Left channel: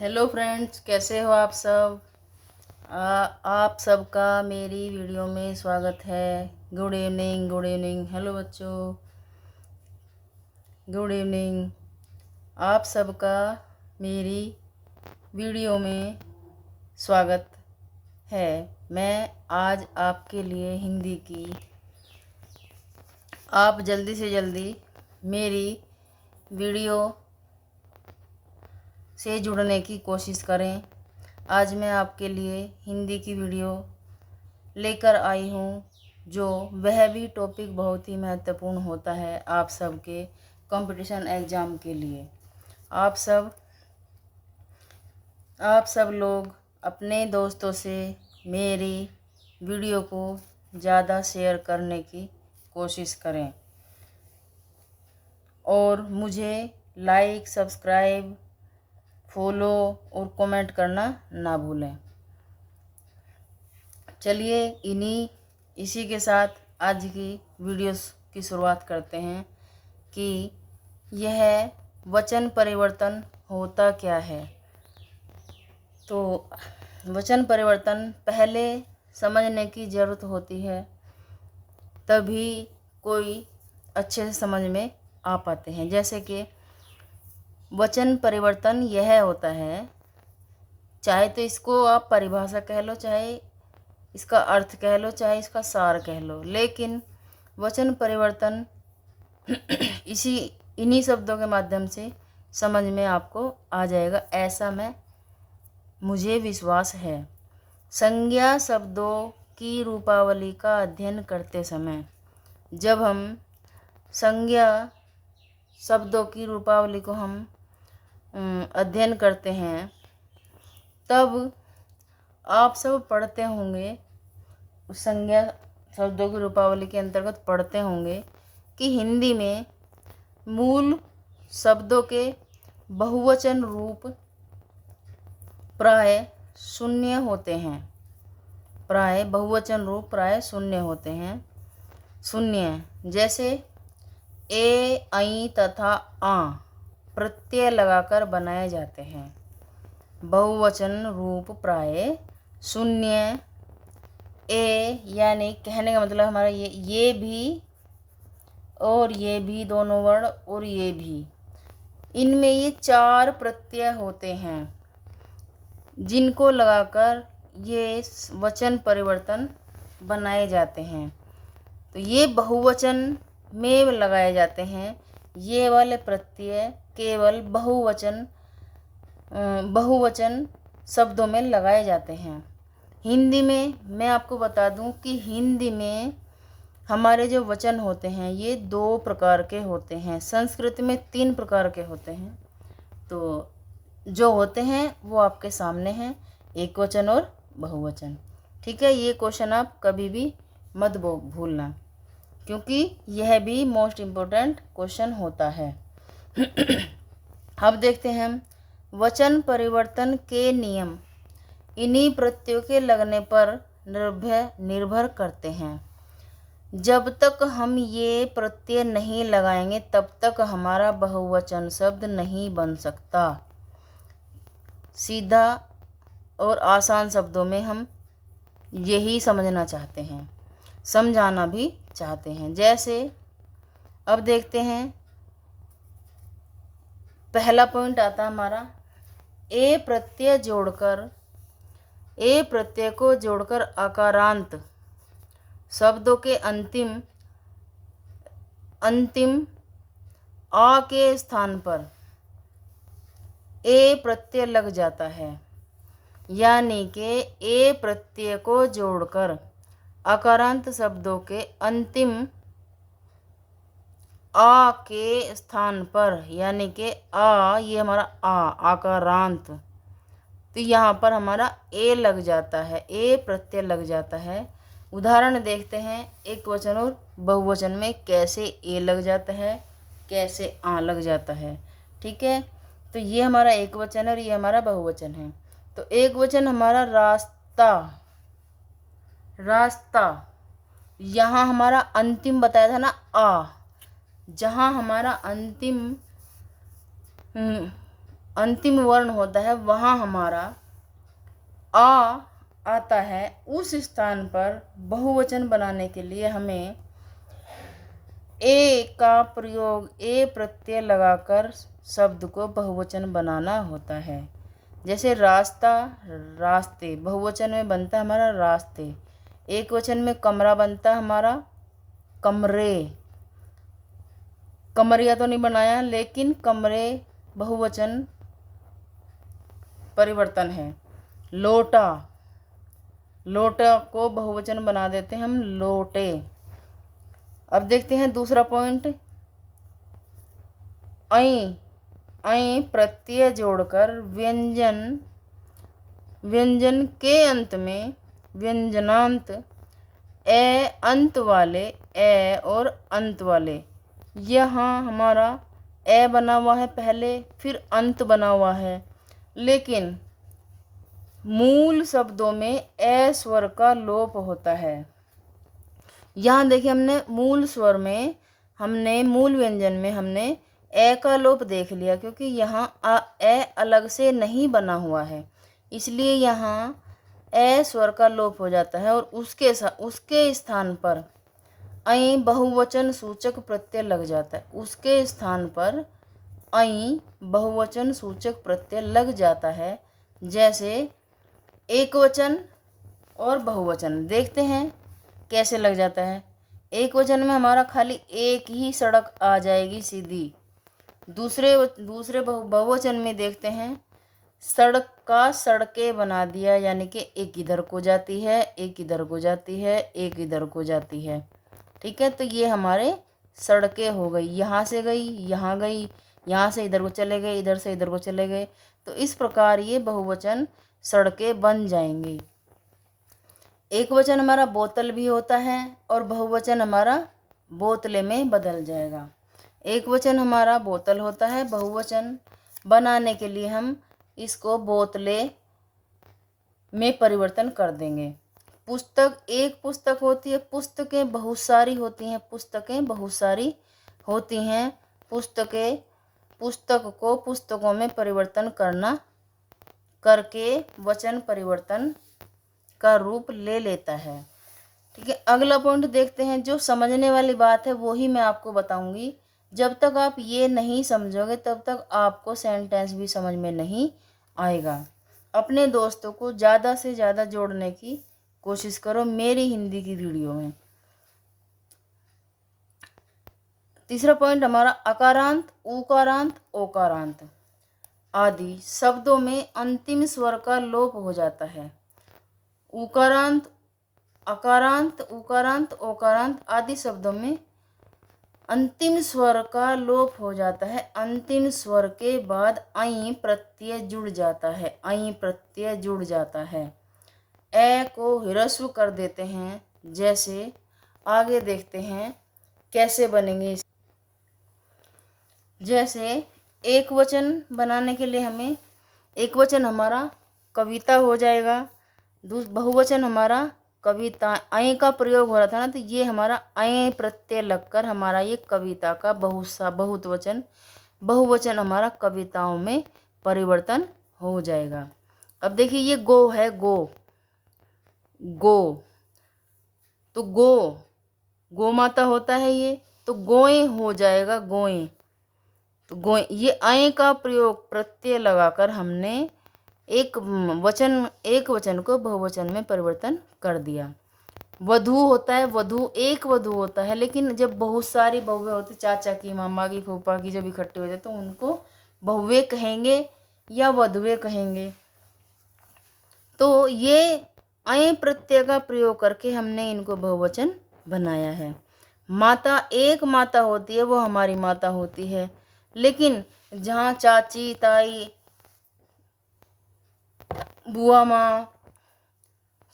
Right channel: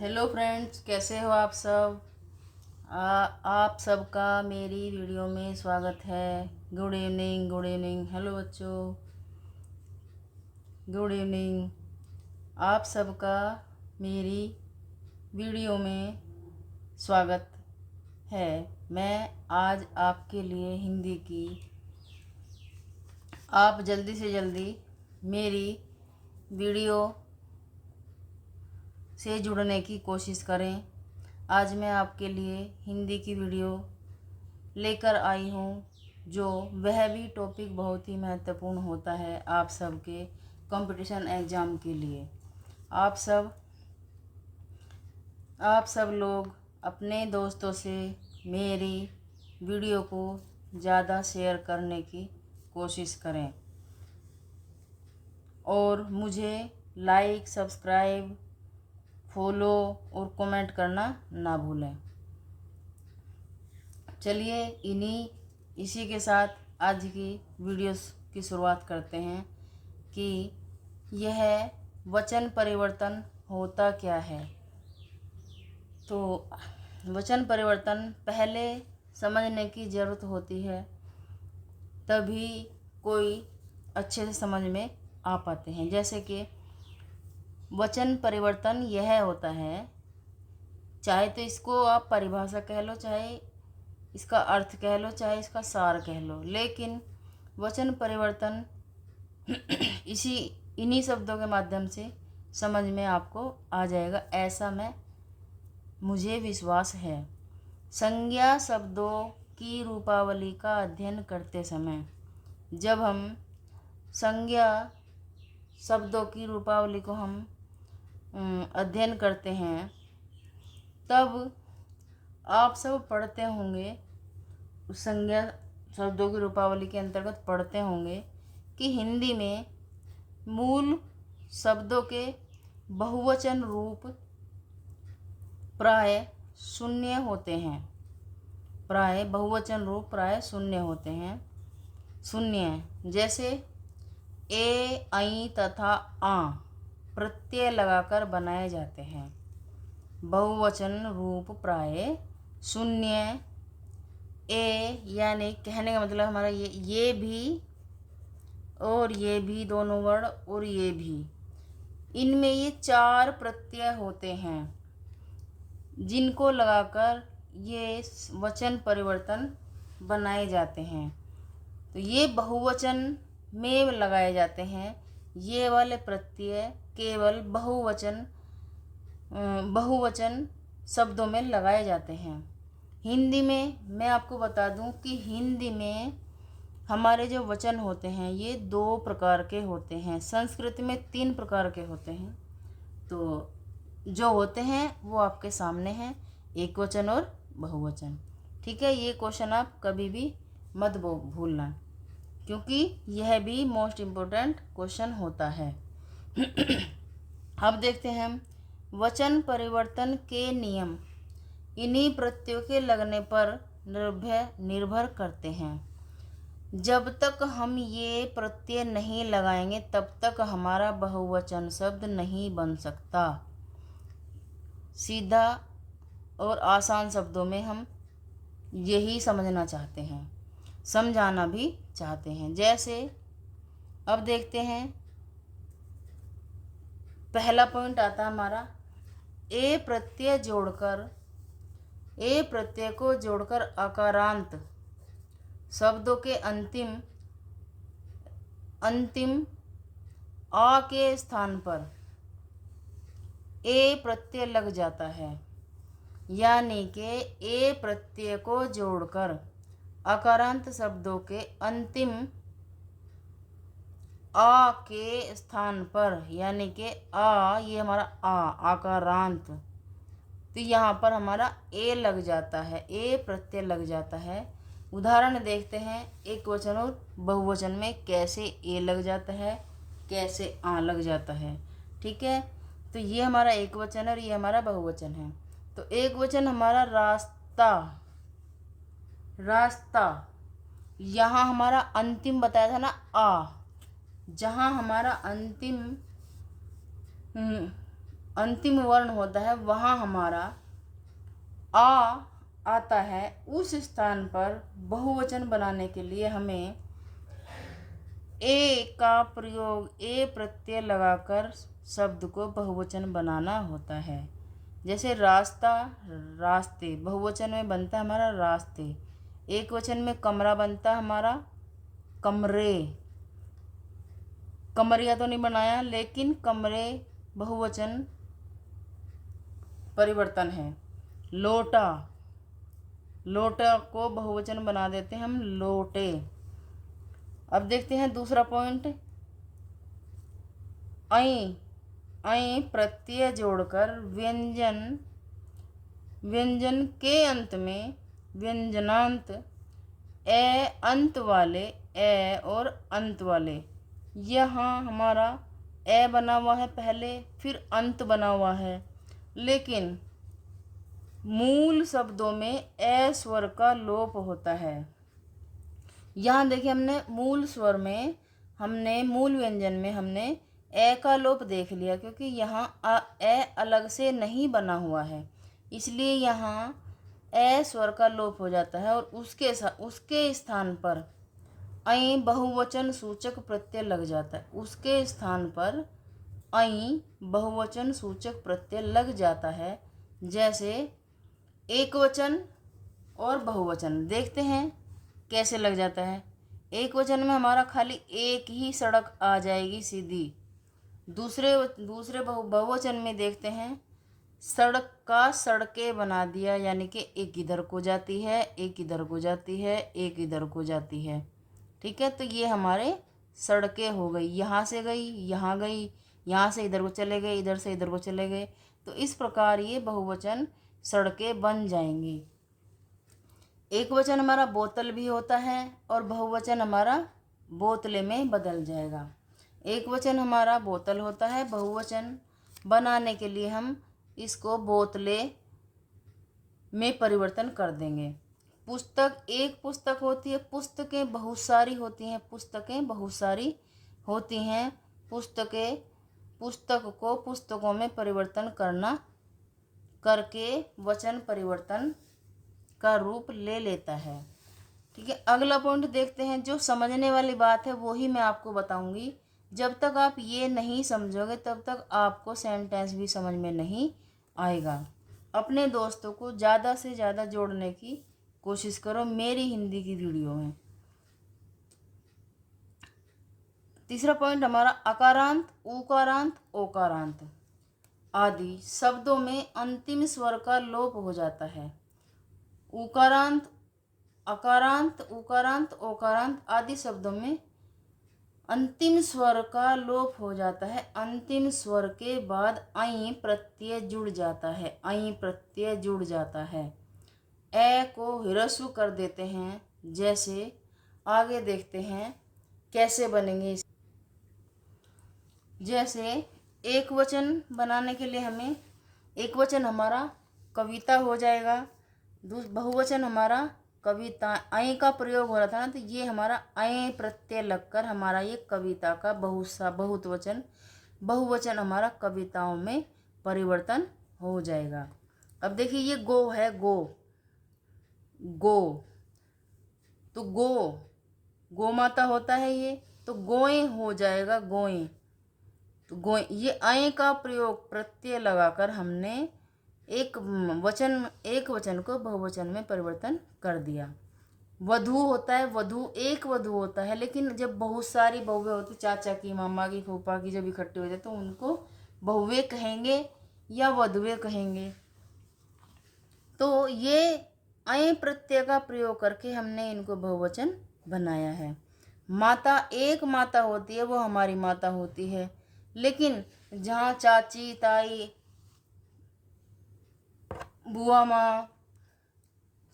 Hello friends, कैसे हो आप सब। आप सबका मेरी वीडियो में स्वागत है। Good evening, good evening. Hello बच्चों, गुड इवनिंग। आप सबका मेरी वीडियो में स्वागत है। मैं आज आपके लिए हिंदी की, आप जल्दी से जल्दी मेरी वीडियो से जुड़ने की कोशिश करें। आज मैं आपके लिए हिंदी की वीडियो लेकर आई हूँ, जो वह भी टॉपिक बहुत ही महत्वपूर्ण होता है आप सबके कंपटीशन एग्ज़ाम के लिए। आप सब लोग अपने दोस्तों से मेरी वीडियो को ज़्यादा शेयर करने की कोशिश करें और मुझे लाइक, सब्सक्राइब, फॉलो और कमेंट करना ना भूलें। चलिए इसी के साथ आज की वीडियोस की शुरुआत करते हैं कि यह वचन परिवर्तन होता क्या है। तो वचन परिवर्तन पहले समझने की ज़रूरत होती है, तभी कोई अच्छे से समझ में आ पाते हैं। जैसे कि वचन परिवर्तन यह होता है, चाहे तो इसको आप परिभाषा कह लो, चाहे इसका अर्थ कह लो, चाहे इसका सार कह लो, लेकिन वचन परिवर्तन इन्हीं शब्दों के माध्यम से समझ में आपको आ जाएगा, ऐसा मुझे विश्वास है। संज्ञा शब्दों की रूपावली का अध्ययन करते समय जब हम संज्ञा शब्दों की रूपावली को हम अध्ययन करते हैं, तब आप सब पढ़ते होंगे, उस संज्ञा शब्दों की रूपावली के अंतर्गत पढ़ते होंगे कि हिंदी में मूल शब्दों के बहुवचन रूप प्राय शून्य होते हैं। बहुवचन रूप प्राय शून्य होते हैं। शून्य जैसे ए, ऐ तथा आ प्रत्यय लगाकर बनाए जाते हैं। बहुवचन रूप प्राय शून्य। ए यानी कहने का मतलब हमारा ये भी और ये भी, दोनों वर्ण और ये भी, इनमें ये 4 प्रत्यय होते हैं जिनको लगाकर ये वचन परिवर्तन बनाए जाते हैं। तो ये बहुवचन में लगाए जाते हैं। ये वाले प्रत्यय केवल बहुवचन शब्दों में लगाए जाते हैं। हिंदी में मैं आपको बता दूं कि हिंदी में हमारे जो वचन होते हैं ये 2 प्रकार के होते हैं। संस्कृत में 3 प्रकार के होते हैं। तो जो होते हैं वो आपके सामने हैं, एक वचन और बहुवचन। ठीक है, ये क्वेश्चन आप कभी भी मत भूलना, क्योंकि यह भी मोस्ट इम्पोर्टेंट क्वेश्चन होता है। अब देखते हैं हम वचन परिवर्तन के नियम। इन्हीं प्रत्ययों के लगने पर निर्भर करते हैं। जब तक हम ये प्रत्यय नहीं लगाएंगे तब तक हमारा बहुवचन शब्द नहीं बन सकता। सीधा और आसान शब्दों में हम यही समझना चाहते हैं, समझाना भी चाहते हैं। जैसे अब देखते हैं, पहला पॉइंट आता है हमारा ए प्रत्यय को जोड़कर आकारांत शब्दों के अंतिम आ के स्थान पर ए प्रत्यय लग जाता है। यानी कि ए प्रत्यय को जोड़कर आकारांत शब्दों के अंतिम आ के स्थान पर, यानी कि आ, ये हमारा आकारांत, तो यहाँ पर हमारा ए लग जाता है, ए प्रत्यय लग जाता है। उदाहरण देखते हैं एक वचन और बहुवचन में कैसे ए लग जाता है, कैसे आ लग जाता है। ठीक है, तो ये हमारा एक वचन है और ये हमारा बहुवचन है। तो एक वचन हमारा रास्ता, यहाँ हमारा अंतिम बताया था ना आ, जहाँ हमारा अंतिम अंतिम वर्ण होता है वहाँ हमारा आ आता है। उस स्थान पर बहुवचन बनाने के लिए हमें ए का प्रयोग, ए प्रत्यय लगाकर शब्द को बहुवचन बनाना होता है। जैसे रास्ता, रास्ते, बहुवचन में बनता है हमारा रास्ते। एक वचन में कमरा बनता है हमारा कमरे। कमरिया तो नहीं बनाया, लेकिन कमरे बहुवचन परिवर्तन है। लोटा, लोटा को बहुवचन बना देते हैं हम लोटे। अब देखते हैं दूसरा पॉइंट, ऐ, ऐ प्रत्यय जोड़कर व्यंजन, व्यंजन के अंत में व्यंजनांत ए अंत वाले, ए और अंत वाले, यहाँ हमारा ए बना हुआ है पहले, फिर अंत बना हुआ है, लेकिन मूल शब्दों में ए स्वर का लोप होता है। यहाँ देखिए हमने मूल स्वर में, हमने मूल व्यंजन में हमने ए का लोप देख लिया, क्योंकि यहाँ ए अलग से नहीं बना हुआ है, इसलिए यहाँ ए स्वर का लोप हो जाता है और उसके स्थान पर ऐ बहुवचन सूचक प्रत्यय लग जाता है। उसके स्थान पर ऐ बहुवचन सूचक प्रत्यय लग जाता है। जैसे एक वचन और बहुवचन देखते हैं कैसे लग जाता है। एक वचन में हमारा खाली एक ही सड़क आ जाएगी सीधी। दूसरे बहुवचन में देखते हैं सड़क का सड़कें बना दिया, यानी कि एक इधर को जाती है, एक इधर को जाती है, एक इधर को जाती है। ठीक है, तो ये हमारे सड़कें हो गई, यहाँ से गई, यहाँ गई, यहाँ से इधर को चले गए, इधर से इधर को चले गए। तो इस प्रकार ये बहुवचन सड़कें बन जाएंगी। एक वचन हमारा बोतल भी होता है और बहुवचन हमारा बोतले में बदल जाएगा। एक वचन हमारा बोतल होता है, बहुवचन बनाने के लिए हम इसको बोतले में परिवर्तन कर देंगे। पुस्तक, एक पुस्तक होती है, पुस्तकें बहुत सारी होती हैं, पुस्तकें बहुत सारी होती हैं। पुस्तक को पुस्तकों में परिवर्तन करके वचन परिवर्तन का रूप ले लेता है। ठीक है, अगला पॉइंट देखते हैं। जो समझने वाली बात है वो ही मैं आपको बताऊंगी। जब तक आप ये नहीं समझोगे तब तक आपको सेंटेंस भी समझ में नहीं आएगा। अपने दोस्तों को ज़्यादा से ज़्यादा जोड़ने की कोशिश करो मेरी हिंदी की वीडियो में। तीसरा पॉइंट हमारा अकारांत, उकारांत, ओकारांत आदि शब्दों में अंतिम स्वर का लोप हो जाता है। उकारांत, अकारांत, उकारांत, ओकारांत आदि शब्दों में अंतिम स्वर का लोप हो जाता है। अंतिम स्वर के बाद ऐ प्रत्यय जुड़ जाता है, ऐ प्रत्यय जुड़ जाता है। ए को ह्रस्व कर देते हैं। जैसे आगे देखते हैं कैसे बनेंगे। जैसे एक वचन बनाने के लिए हमें, एक वचन हमारा कविता हो जाएगा, बहुवचन हमारा कविता। ऐ का प्रयोग हो रहा था ना, तो ये हमारा ऐ प्रत्यय लगकर हमारा ये कविता का बहुवचन हमारा कविताओं में परिवर्तन हो जाएगा। अब देखिए ये गो है, गो, तो गो माता होता है ये, तो गोए हो जाएगा, गोए। तो गोए, ये ऐ का प्रयोग प्रत्यय लगाकर हमने एक वचन को बहुवचन में परिवर्तन कर दिया। वधू होता है, एक वधू होता है, लेकिन जब बहुत सारी बहुएं होती, चाचा की, मामा की, फूफा की जब इकट्ठे हो जाए तो उनको बहुएं कहेंगे या वधुएं कहेंगे। तो ये ऐ प्रत्यय का प्रयोग करके हमने इनको बहुवचन बनाया है। माता, एक माता होती है वो हमारी माता होती है, लेकिन जहाँ चाची, ताई, बुआ माँ,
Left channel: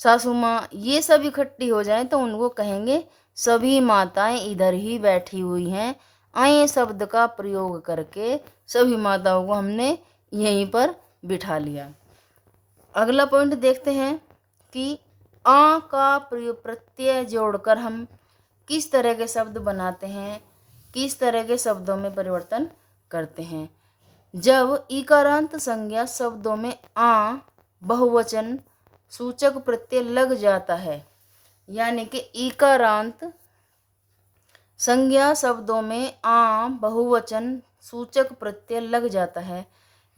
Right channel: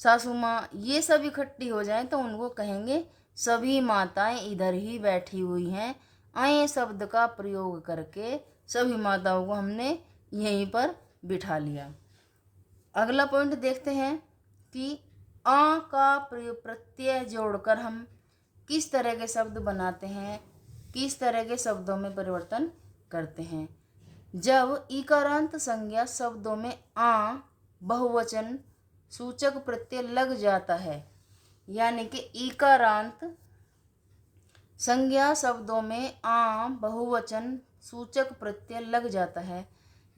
सासू माँ ये सब इकट्ठी हो जाएं तो उनको कहेंगे सभी माताएं इधर ही बैठी हुई हैं। ऐ शब्द का प्रयोग करके सभी माताओं को हमने यहीं पर बिठा लिया। अगला पॉइंट देखते हैं कि आ का प्रत्यय जोड़कर हम किस तरह के शब्द बनाते हैं, किस तरह के शब्दों में परिवर्तन करते हैं। जब इकारांत संज्ञा शब्दों में आ बहुवचन सूचक प्रत्यय लग जाता है, यानी कि इकारांत संज्ञा शब्दों में आ बहुवचन सूचक प्रत्यय लग जाता है,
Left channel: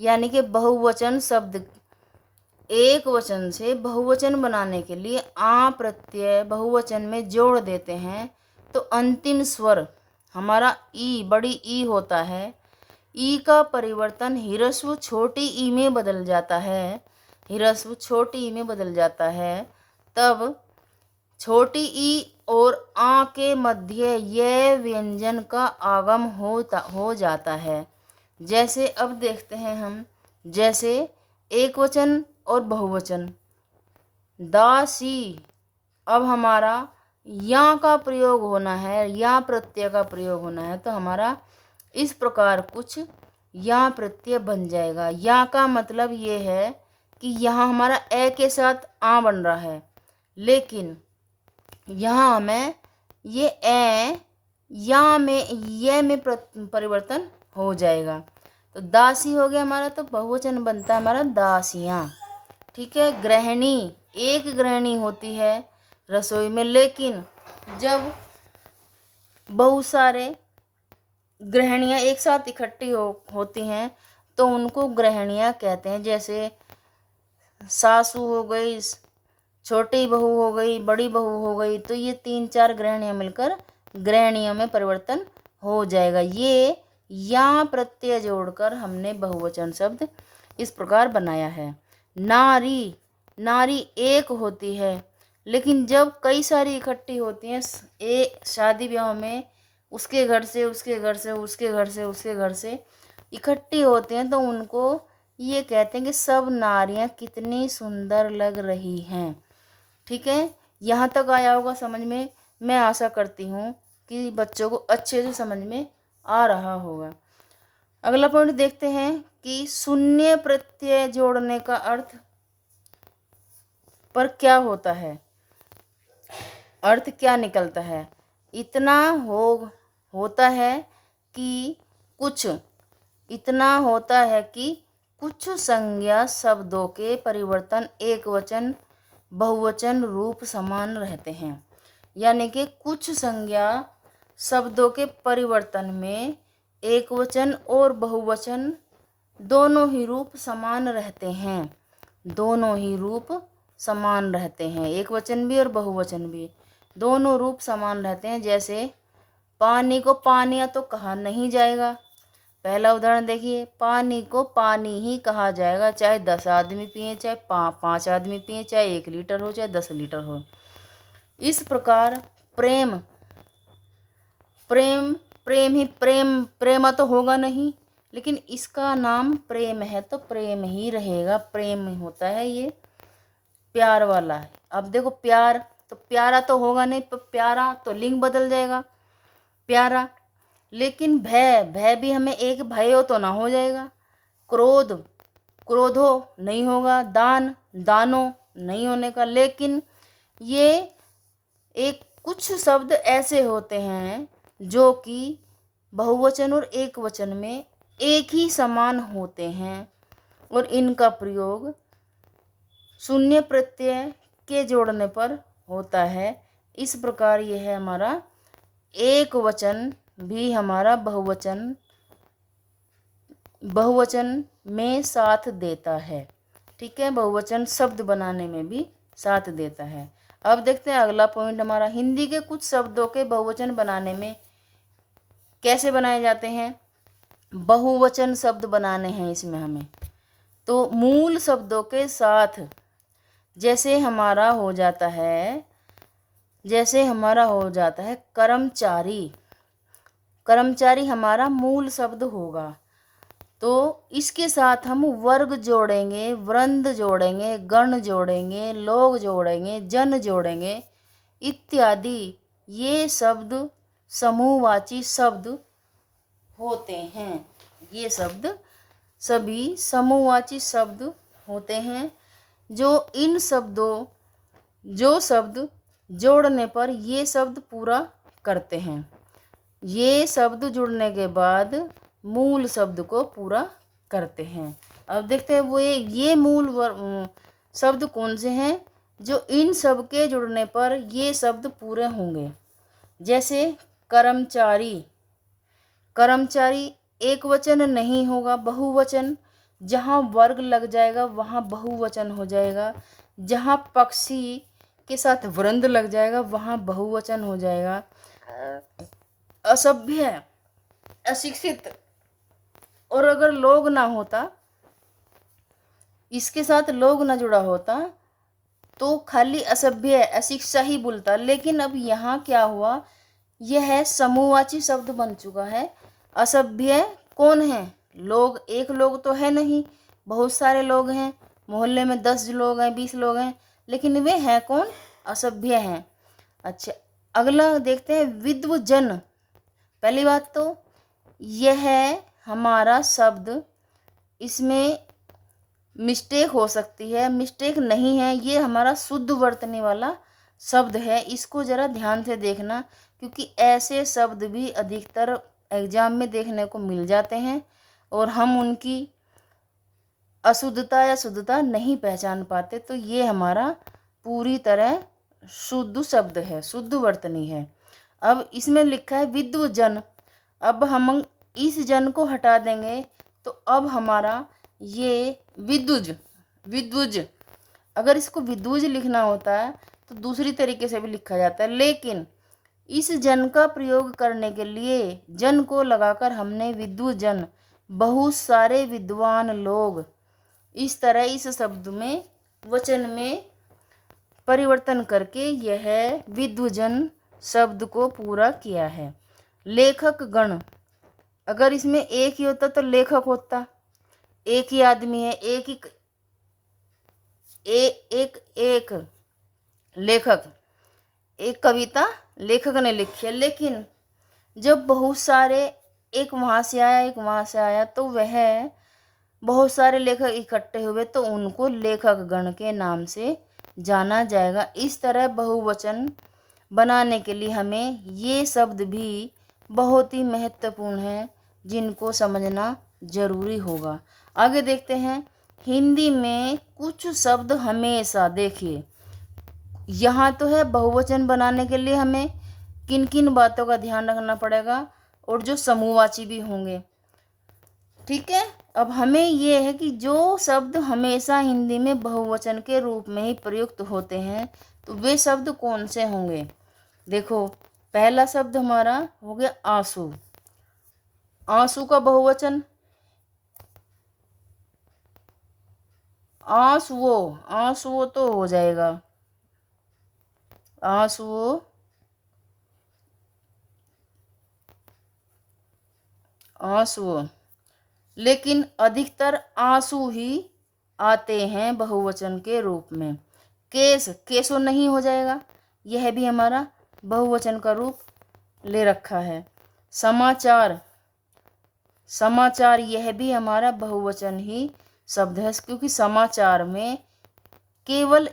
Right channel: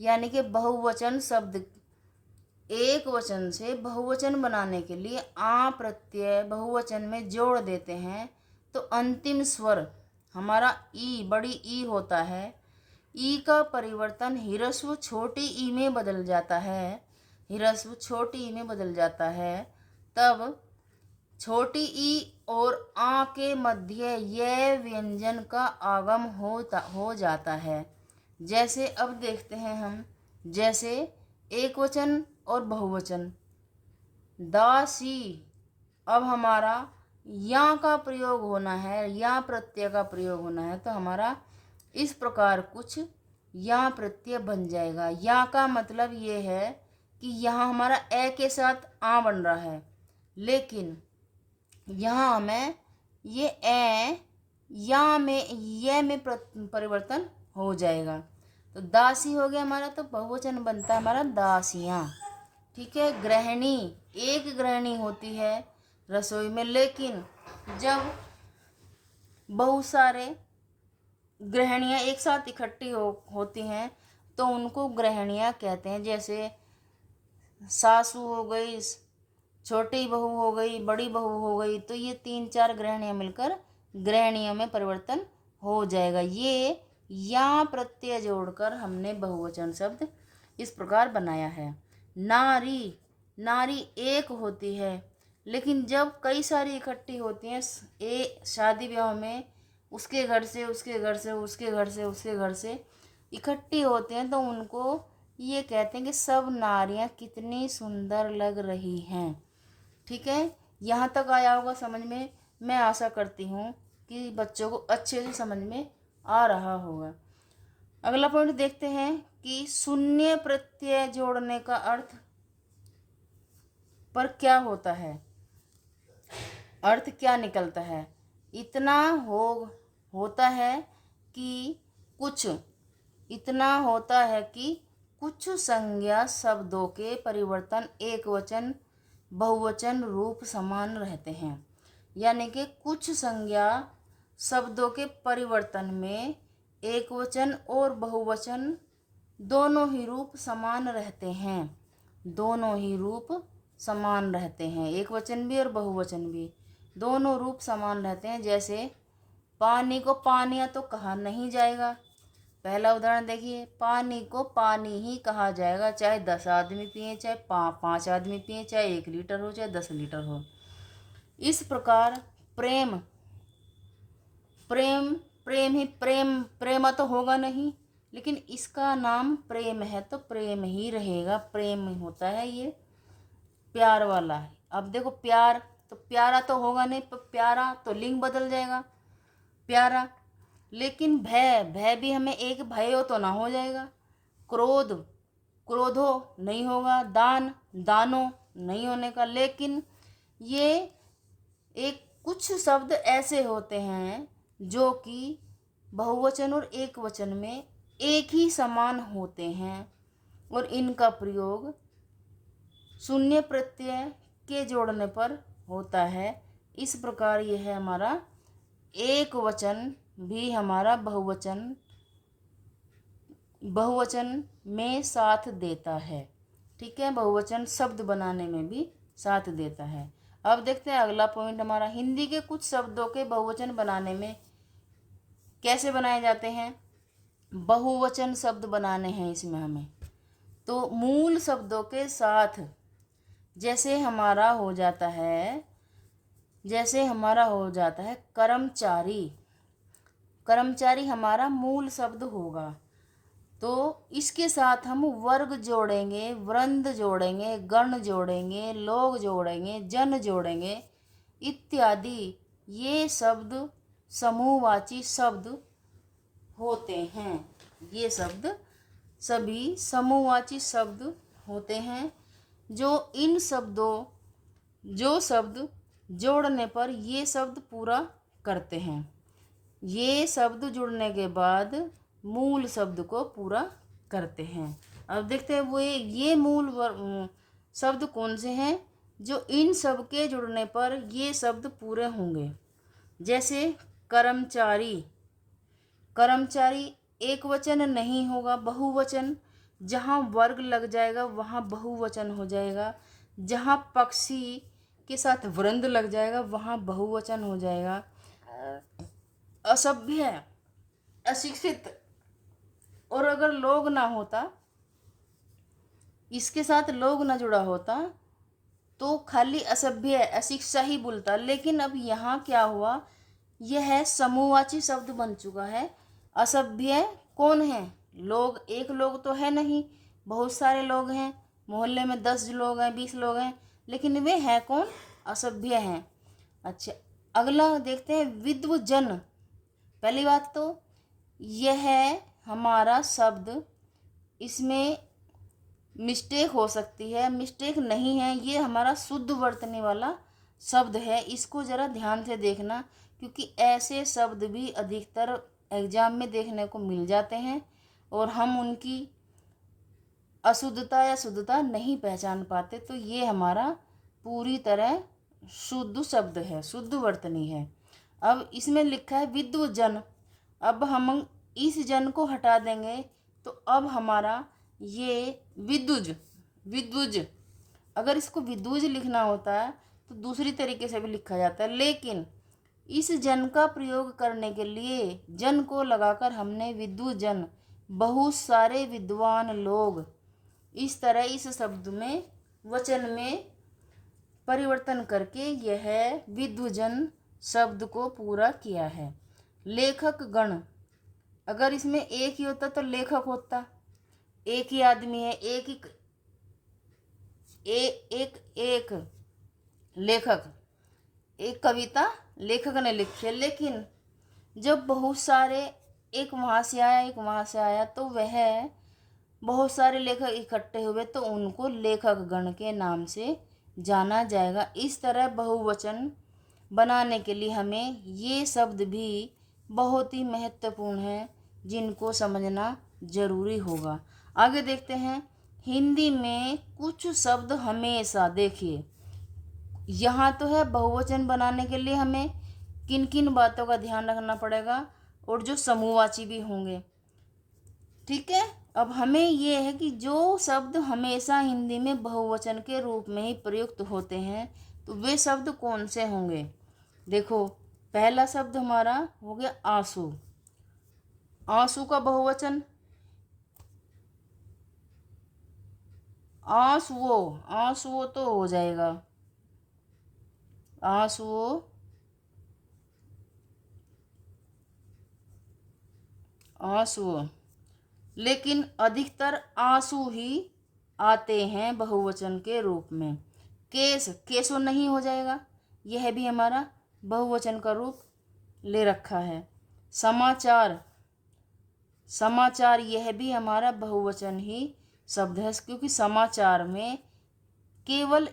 यानी कि बहुवचन शब्द एक वचन से बहुवचन बनाने के लिए आ प्रत्यय बहुवचन में जोड़ देते हैं, तो अंतिम स्वर हमारा ई, बड़ी ई होता है। ई का परिवर्तन ह्रस्व छोटी ई में बदल जाता है, ह्रस्व छोटी ई में बदल जाता है। तब छोटी ई और आ के मध्य ये व्यंजन का आगम हो जाता है। जैसे अब देखते हैं हम, जैसे एक वचन और बहुवचन दासी, अब हमारा या का प्रयोग होना है, या प्रत्यय का प्रयोग होना है, तो हमारा इस प्रकार कुछ या प्रत्यय बन जाएगा। या का मतलब ये है कि यहाँ हमारा ए के साथ आ बन रहा है, लेकिन यहाँ हमें ये ए या में ये में परिवर्तन हो जाएगा, तो दासी हो गया हमारा, तो बहुवचन बनता है हमारा दासियाँ। ठीक है। गृहिणी, एक गृहिणी होती है रसोई में, लेकिन जब बहुत सारे गृहिणियाँ एक साथ इकट्ठी होती हैं तो उनको गृहिणियाँ कहते हैं। जैसे सासू हो गई, छोटी बहू हो गई, बड़ी बहू हो गई, तो ये 3-4 गृहिणियाँ मिलकर गृहिणियों में परिवर्तन हो जाएगा। ये या प्रत्यय जोड़कर हमने बहुवचन शब्द इस प्रकार बनाया है। नारी, नारी एक होती है, लेकिन जब कई सारी इकट्ठी होती हैं शादी ब्याह में, उसके घर से उसके घर से उसके घर से उसके घर से इकट्ठी होते हैं, तो उनको ये कहते हैं कि सब नारियां कितनी सुंदर लग रही हैं। ठीक है। यहाँ तक आया होगा समझ में। मैं आशा करती हूँ कि बच्चों को अच्छे से समझ में आ रहा होगा। अगला पॉइंट देखते हैं कि शून्य प्रत्यय जोड़ने का अर्थ पर क्या होता है, अर्थ क्या निकलता है। इतना होता है कि कुछ, इतना होता है कि कुछ संज्ञा शब्दों के परिवर्तन एक वचन बहुवचन रूप समान रहते हैं, यानी कि कुछ संज्ञा शब्दों के परिवर्तन में एक वचन और बहुवचन दोनों ही रूप समान रहते हैं, दोनों ही रूप समान रहते हैं, एक वचन भी और बहुवचन भी दोनों रूप समान रहते हैं। जैसे पानी को पानिया तो कहा नहीं जाएगा। पहला उदाहरण देखिए, पानी को पानी ही कहा जाएगा, चाहे 10 आदमी पिए, चाहे 5 आदमी पिए, चाहे 1 लीटर हो, चाहे 10 लीटर हो। इस प्रकार प्रेम, प्रेम प्रेम ही प्रेमा तो होगा नहीं, लेकिन इसका नाम प्रेम है तो प्रेम ही रहेगा, प्रेम होता है ये प्यार वाला है। अब देखो प्यार, तो प्यारा तो होगा नहीं, तो प्यारा तो लिंग बदल जाएगा प्यारा। लेकिन भय, भय भी हमें एक भय हो तो ना हो जाएगा। क्रोध, क्रोधो नहीं होगा। दान, दानो नहीं होने का। लेकिन ये एक कुछ शब्द ऐसे होते हैं जो कि बहुवचन और एक वचन में एक ही समान होते हैं, और इनका प्रयोग शून्य प्रत्यय के जोड़ने पर होता है। इस प्रकार यह है हमारा एक वचन भी हमारा बहुवचन में साथ देता है। ठीक है। बहुवचन शब्द बनाने में भी साथ देता है। अब देखते हैं अगला पॉइंट हमारा, हिंदी के कुछ शब्दों के बहुवचन बनाने में कैसे बनाए जाते हैं। बहुवचन शब्द बनाने हैं इसमें हमें, तो मूल शब्दों के साथ जैसे हमारा हो जाता है, कर्मचारी, कर्मचारी हमारा मूल शब्द होगा, तो इसके साथ हम वर्ग जोड़ेंगे, वृंद जोड़ेंगे, गण जोड़ेंगे, लोग जोड़ेंगे, जन जोड़ेंगे इत्यादि। ये शब्द समूहवाची शब्द होते हैं। ये शब्द सभी समूहवाची शब्द होते हैं, जो शब्द जोड़ने पर ये शब्द पूरा करते हैं। ये शब्द जुड़ने के बाद मूल शब्द को पूरा करते हैं। अब देखते हैं वो ये मूल शब्द कौन से हैं जो इन सब के जुड़ने पर ये शब्द पूरे होंगे। जैसे कर्मचारी, कर्मचारी एक वचन नहीं होगा, बहुवचन। जहाँ वर्ग लग जाएगा वहाँ बहुवचन हो जाएगा। जहाँ पक्षी के साथ वृंद लग जाएगा वहाँ बहुवचन हो जाएगा। असभ्य, अशिक्षित, और अगर लोग ना होता, इसके साथ लोग ना जुड़ा होता तो खाली असभ्य अशिक्षा ही बोलता। लेकिन अब यहाँ क्या हुआ, यह समूहवाची शब्द बन चुका है। असभ्य कौन है? लोग। एक लोग तो है नहीं, बहुत सारे लोग हैं, मोहल्ले में 10 लोग हैं, 20 लोग हैं, लेकिन वे हैं कौन? असभ्य हैं। अच्छा, अगला देखते हैं विद्वजन। पहली बात तो यह हमारा शब्द, इसमें मिस्टेक हो सकती है, मिस्टेक नहीं है, ये हमारा शुद्ध बरतने वाला शब्द है। इसको ज़रा ध्यान से देखना, क्योंकि ऐसे शब्द भी अधिकतर एग्जाम में देखने को मिल जाते हैं और हम उनकी अशुद्धता या शुद्धता नहीं पहचान पाते। तो ये हमारा पूरी तरह शुद्ध शब्द है, शुद्ध वर्तनी है। अब इसमें लिखा है विद्वजन। अब हम इस जन को हटा देंगे तो अब हमारा ये विद्वज, विद्वज, अगर इसको विद्वज लिखना होता है तो दूसरी तरीके से भी लिखा जाता है, लेकिन इस जन का प्रयोग करने के लिए जन को लगाकर हमने विद्वजन, बहुत सारे विद्वान लोग, इस तरह इस शब्द में वचन में परिवर्तन करके यह विद्वजन शब्द को पूरा किया है। लेखक गण, अगर इसमें एक ही होता तो लेखक होता, एक ही आदमी है, एक लेखक, एक कविता लेखक ने लिखी है। लेकिन जब बहुत सारे, एक वहाँ से आया एक वहाँ से आया, तो वह बहुत सारे लेखक इकट्ठे हुए तो उनको लेखक गण के नाम से जाना जाएगा। इस तरह बहुवचन बनाने के लिए हमें ये शब्द भी बहुत ही महत्वपूर्ण हैं, जिनको समझना जरूरी होगा। आगे देखते हैं हिंदी में कुछ शब्द हमेशा, देखिए यहाँ तो है बहुवचन बनाने के लिए हमें किन किन बातों का ध्यान रखना पड़ेगा, और जो समूहवाची भी होंगे। ठीक है, अब हमें ये है कि जो शब्द हमेशा हिंदी में बहुवचन के रूप में ही प्रयुक्त होते हैं तो वे शब्द कौन से होंगे। देखो, पहला शब्द हमारा हो गया आंसू। आंसू का बहुवचन आंसुओ, आंसुओ तो हो जाएगा, आंसुओ, आंसुओ। लेकिन अधिकतर आंसू ही आते हैं बहुवचन के रूप में। केस, केसो नहीं हो जाएगा, यह भी हमारा बहुवचन का रूप ले रखा है। समाचार, समाचार यह भी हमारा बहुवचन ही शब्द है, क्योंकि समाचार में केवल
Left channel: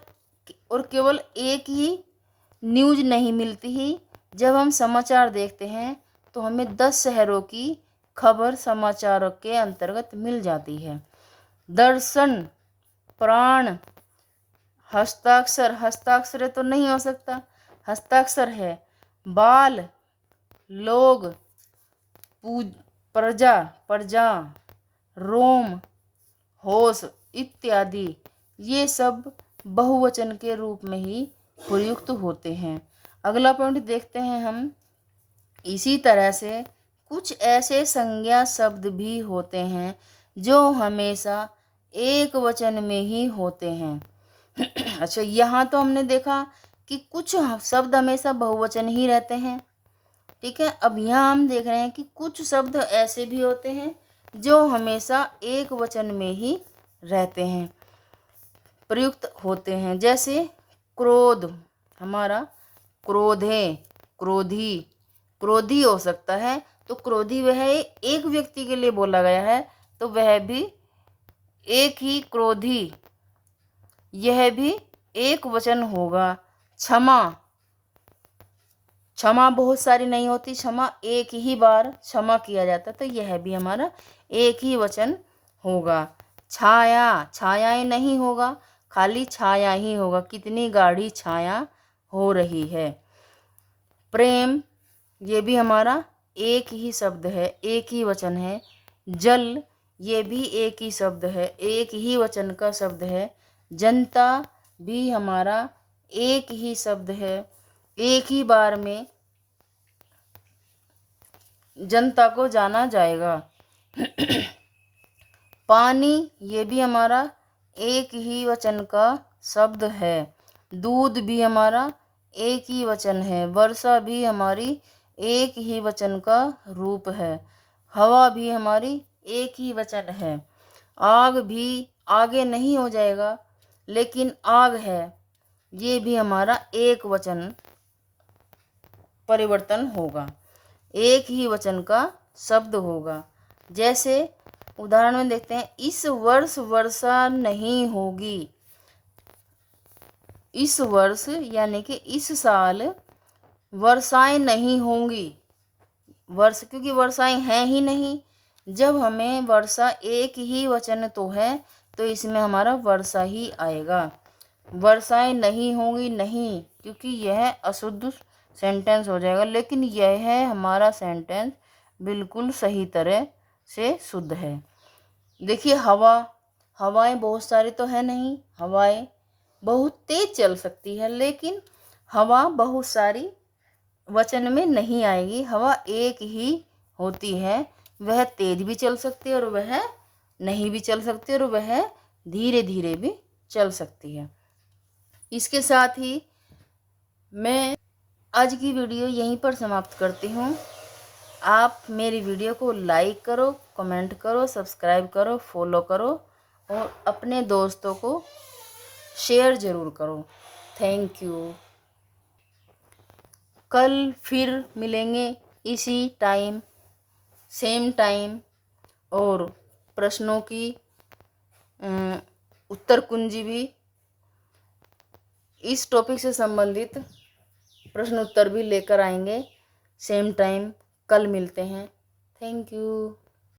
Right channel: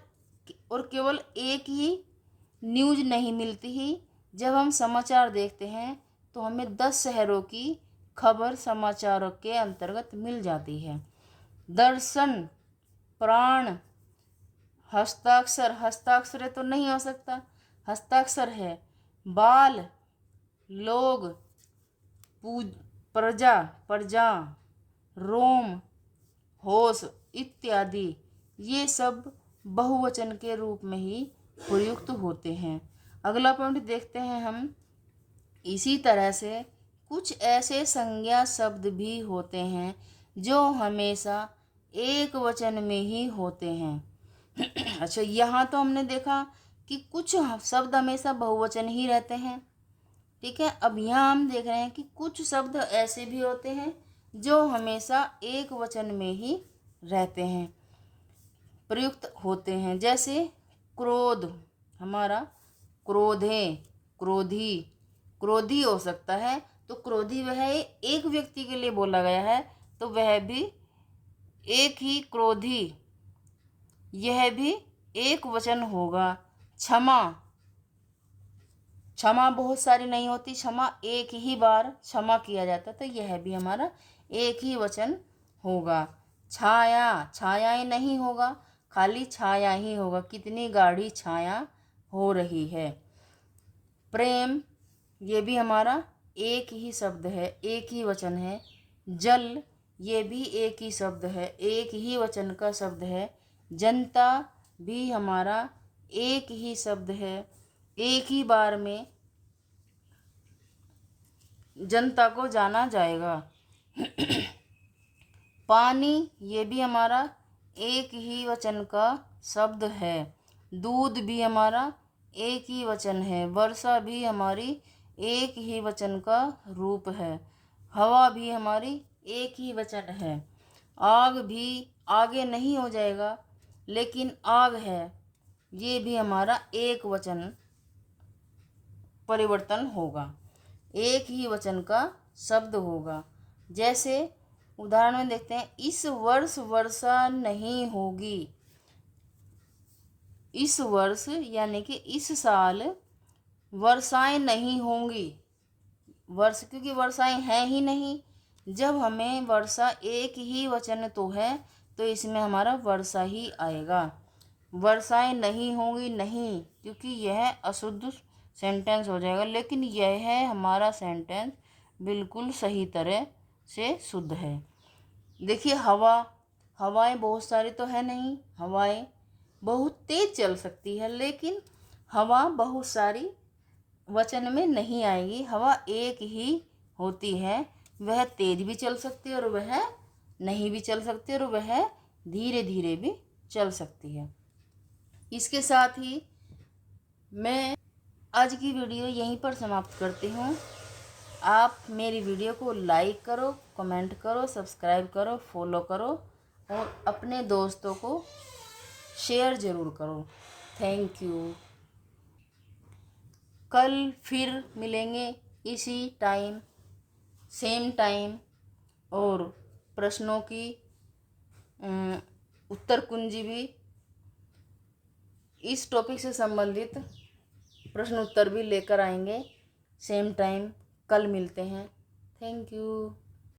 और केवल एक ही न्यूज नहीं मिलती ही। जब हम समाचार देखते हैं तो हमें 10 शहरों की खबर समाचारों के अंतर्गत मिल जाती है। दर्शन, प्राण, हस्ताक्षर, हस्ताक्षर तो नहीं हो सकता, हस्ताक्षर है। बाल, लोग, प्रजा, प्रजा, रोम, होश इत्यादि, ये सब बहुवचन के रूप में ही प्रयुक्त होते हैं। अगला पॉइंट देखते हैं हम। इसी तरह से कुछ ऐसे संज्ञा शब्द भी होते हैं जो हमेशा एक वचन में ही होते हैं। अच्छा, यहाँ तो हमने देखा कि कुछ शब्द हमेशा बहुवचन ही रहते हैं। ठीक है, अब यहाँ हम देख रहे हैं कि कुछ शब्द ऐसे भी होते हैं जो हमेशा एक वचन में ही रहते हैं, प्रयुक्त होते हैं। जैसे क्रोध, हमारा क्रोधे, क्रोधी, क्रोधी हो सकता है, तो क्रोधी वह एक व्यक्ति के लिए बोला गया है तो वह भी एक ही क्रोधी, यह भी एक वचन होगा। क्षमा, क्षमा बहुत सारी नहीं होती, क्षमा एक ही बार क्षमा किया जाता, तो यह भी हमारा एक ही वचन होगा। छाया, छायाएं नहीं होगा, खाली छाया ही होगा। कितनी गाढ़ी छाया हो रही है। प्रेम, ये भी हमारा एक ही शब्द है, एक ही वचन है। जल, ये भी एक ही शब्द है, एक ही वचन का शब्द है। जनता भी हमारा एक ही शब्द है, एक ही बार में जनता को जाना जाएगा। पानी, ये भी हमारा एक ही वचन का शब्द है। दूध भी हमारा एक ही वचन है। वर्षा भी हमारी एक ही वचन का रूप है। हवा भी हमारी एक ही वचन है। आग भी आगे नहीं हो जाएगा, लेकिन आग है, ये भी हमारा एक वचन परिवर्तन होगा, एक ही वचन का शब्द होगा। जैसे उदाहरण में देखते हैं, इस वर्ष वर्षा नहीं होगी। इस वर्ष यानी कि इस साल वर्षाएं नहीं होंगी। वर्ष, क्योंकि वर्षाएं हैं ही नहीं। जब हमें वर्षा एक ही वचन तो है, तो इसमें हमारा वर्षा ही आएगा। वर्षाएं नहीं होंगी, नहीं, क्योंकि यह अशुद्ध सेंटेंस हो जाएगा। लेकिन यह है हमारा सेंटेंस बिल्कुल सही तरह से शुद्ध है। देखिए हवा, हवाएं बहुत सारी तो है नहीं, हवाएं बहुत तेज चल सकती है, लेकिन हवा बहुत सारी वचन में नहीं आएगी। हवा एक ही होती है, वह तेज भी चल सकती है और वह नहीं भी चल सकती और वह धीरे धीरे भी चल सकती है। इसके साथ ही मैं आज की वीडियो यहीं पर समाप्त करती हूँ। आप मेरी वीडियो को लाइक करो, कमेंट करो, सब्सक्राइब करो, फॉलो करो और अपने दोस्तों को शेयर ज़रूर करो। Thank you. कल फिर मिलेंगे इसी टाइम, सेम टाइम, और प्रश्नों की उत्तर कुंजी भी, इस टॉपिक से संबंधित प्रश्न उत्तर भी लेकर आएंगे। सेम टाइम कल मिलते हैं। Thank you.